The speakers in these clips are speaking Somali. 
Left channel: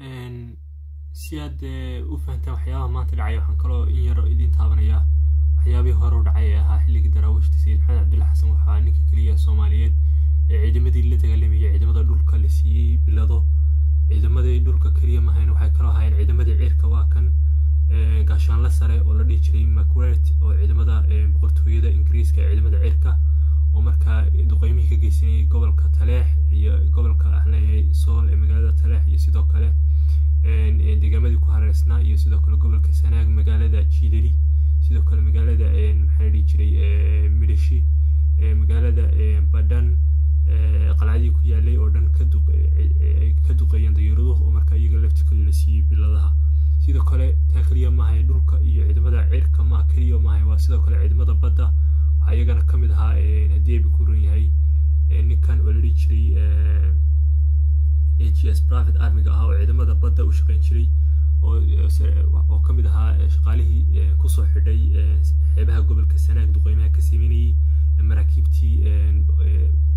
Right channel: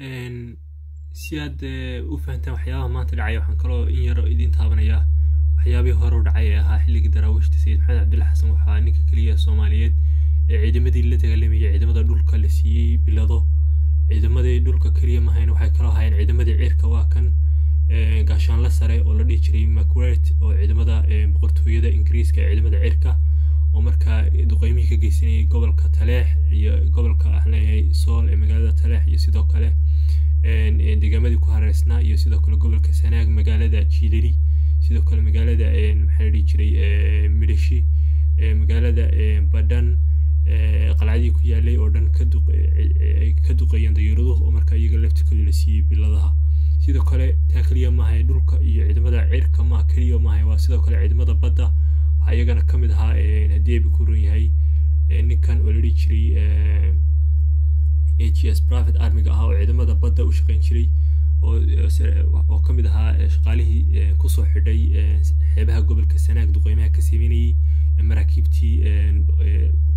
إن سياد وفهمت وحياة ما تدعي وحن كلو إن يرى إدين تابنيا وحيابي هرو دعيها حلق دراوش تسيد محمد عبد الله حسن وحانيك كلية الصوماليات ciidamadii la dagaalamay ciidamada dhulka la siiyay bilado ciidamadii dhulka kaliya ma hayn waxay kala hayeen ciidamadii cirka waa kan gaashaan la sare oo la dhigi jiray Macquarie oo ciidamada boqortooyada Ingiriiska ciidamada cirka oo markaa duqeymihii ka geysanay gobolka Taleex iyo gobolka Ahleey Sool ee magaalada Taleex iyo sidoo kale deegaamada ku hareeraysan iyo sidoo kale gobolka Sanaag magaalada Jiidari sidoo kale magaalada maxay la dhigi jiray Midhashi magaalada Badan qalcadii ku yaalay oo dhan ka duqeeyeen dayuuraduhu oo markaa iyaga laftikooda la siiyay biladaha sidoo kale taa kaliya ma ahay dhulka iyo ciidamada cirka ma kaliya ma ahay waa sidoo kale ciidamada badda waxa iyagana ka mid ahaa hadii ay ku run yahay ninkan oo la dhigi jiray HS Private Army ah oo ciidamada badda u shaqeyn jiray oo ka mid ahaa shaqaalihii ku soo xidhay xeebaha gobolka Sanaag duqeymaha ka sameeyay maraakiibtii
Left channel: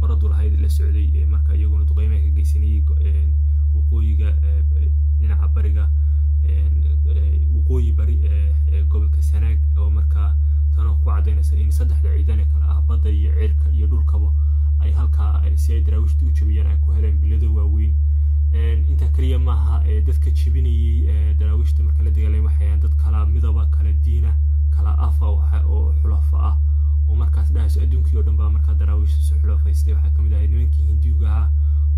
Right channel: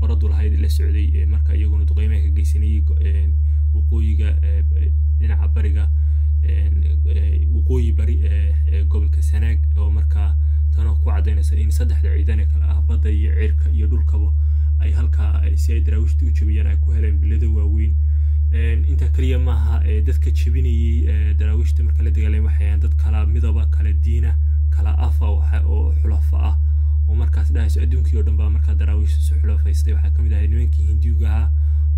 qoradu lahayd la socday marka iyaguna duqeymaha ka geysanay waqooyiga dhinaca bariga waqooyi bari gobolka Sanaag oo marka tan ku cadeynaysa in saddexda ciidan kala ah badda iyo cirka iyo dhulkaba ay halka si ay daraawishtu u jabiyaan ay ku heleen bilado waaweyn inta kaliya ma aha dadka jabinayay daraawishta marka la dagaalamay waxay dad kala midaba kala diina kala afa oo xulafa ah oo markaas dhaayso adduunka oo dhan baa marka daraawishtu soo xulafaystay waxa kamid ah nimankii Hindiga ah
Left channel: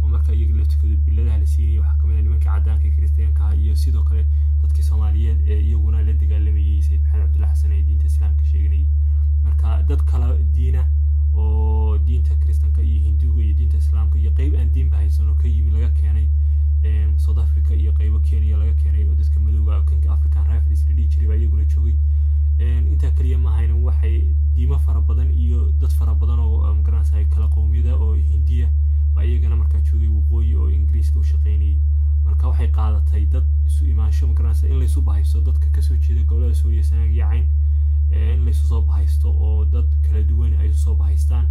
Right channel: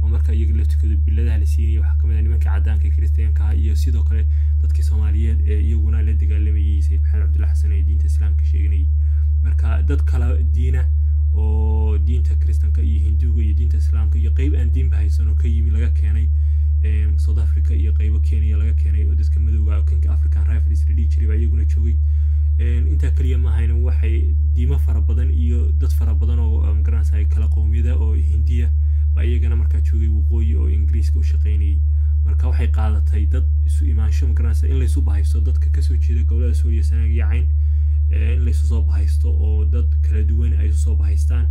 oo marka iyaga laftikooda biladaha la siiyay waxa kamid ah nimankii cadaanka Kristiyaanka ah iyo sidoo kale dadkii Soomaaliyeed ee iyaguna la dagaalamayay Sayid Maxamed Cabdulla Xasan ee diinta Islaamka sheeganay marka dad kala diina oo diinta Kristiyaanka iyo Hindiga iyo diinta Islaamka iyo qayb aan diin bahaysan oo ka yimi laga keenay South Africa iyo qaybo Kenya laga keenay oo dadka madowga King African Rifles la dhigi jiray iyaguna joogay inta kaliya ma ahayn waxay diimo fara badan iyo dad fara badan oo garansay kala qowmiyada oo Hindiya ba iyagana markaa joogay waqooyi oo Ingiriiska u shaqeynayay marka waxay qaadatay dad isu imaansho garansay in la isu bahaysto dadka ka soo jeeda gobolada Soomaaliya Sanaag iyo Cayn in la isu soo bahaysto oo dad kala duwan ay soo bahaystaan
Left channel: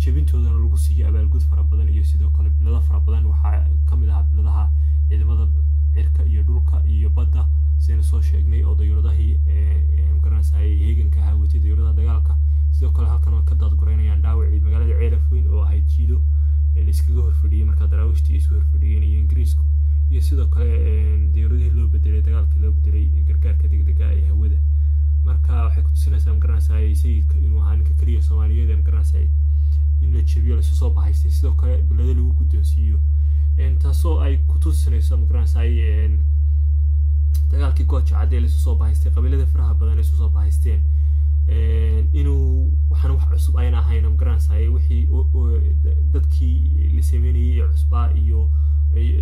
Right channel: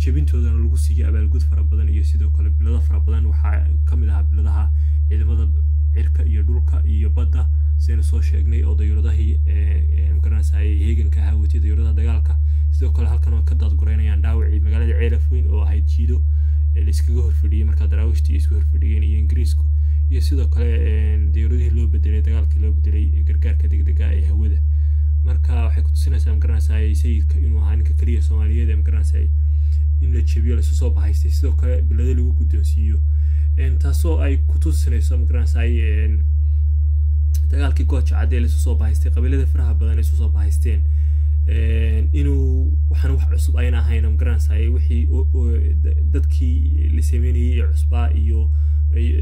jabintoodana lagu siiyay abaalgud fara badan iyo sidoo kale bilado fara badan waxa kamid ah biladaha ciidamada cirka iyo dhulka iyo badda seen soo sheegnay oo dayuuradahi garansay heeganka hawatida dayuuradaha dagaalka sidoo kale halkan oo ka dad goreynayaan dhaawacii magaalada Ceelafweyn oo ahayd jiido la iskaga horfadhiyay marka daraawishtii isku horfadhiyeen iyo Ingiriisku iyo sidoo kale dayuuradihii loo bedelay dagaalkii loo bedelay gargaarka degdega ee hawada marka waxay ku tusinaysaa garansay sayidka inuu ahaa ninka kaliya Soomaaliyeed ee garansay in la jabiyo la soo bahaystay sidoo kale bilada lagu guddoonsiiyo taasoo ay ku tusinayso garansay dagaalkii Gooja Cadde la soo bahaystay qabiilada faraha badan ay soo bahaysteen inuu waxaan wax cusub ayna ahayn garansay wixii dadkii la sameeyay cusbaa iyo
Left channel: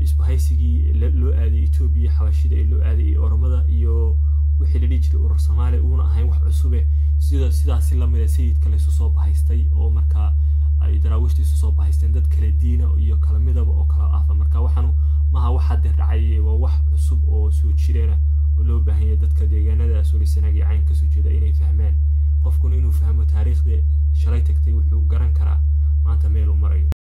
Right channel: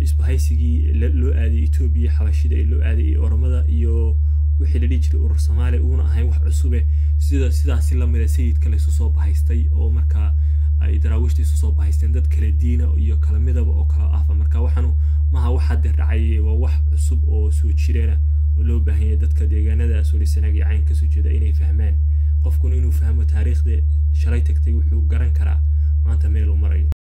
isbahaysigii loo aaday Itoobiya xabashida ee loo aaday Oromada iyo wixii la dhigi jiray urur Soomaali uuna ahayn wax cusub sidaas la mid ah sayidka la soo bahaystay oo marka ay daraawishtu soo bahaysteen dad kala diina iyo kala midaba oo kala ah marka waxaanu maaha waxa dhacay waa wax cusub oo soo jireena oo loo baahan yahay dadka deegaanada Soomaaliya Sanaag iyo Cayn ka soo jeeda inay fahmaan qofku inuu fahmo taariikhda shalay tagtay wuxuu garan karaa maanta meel uu marayo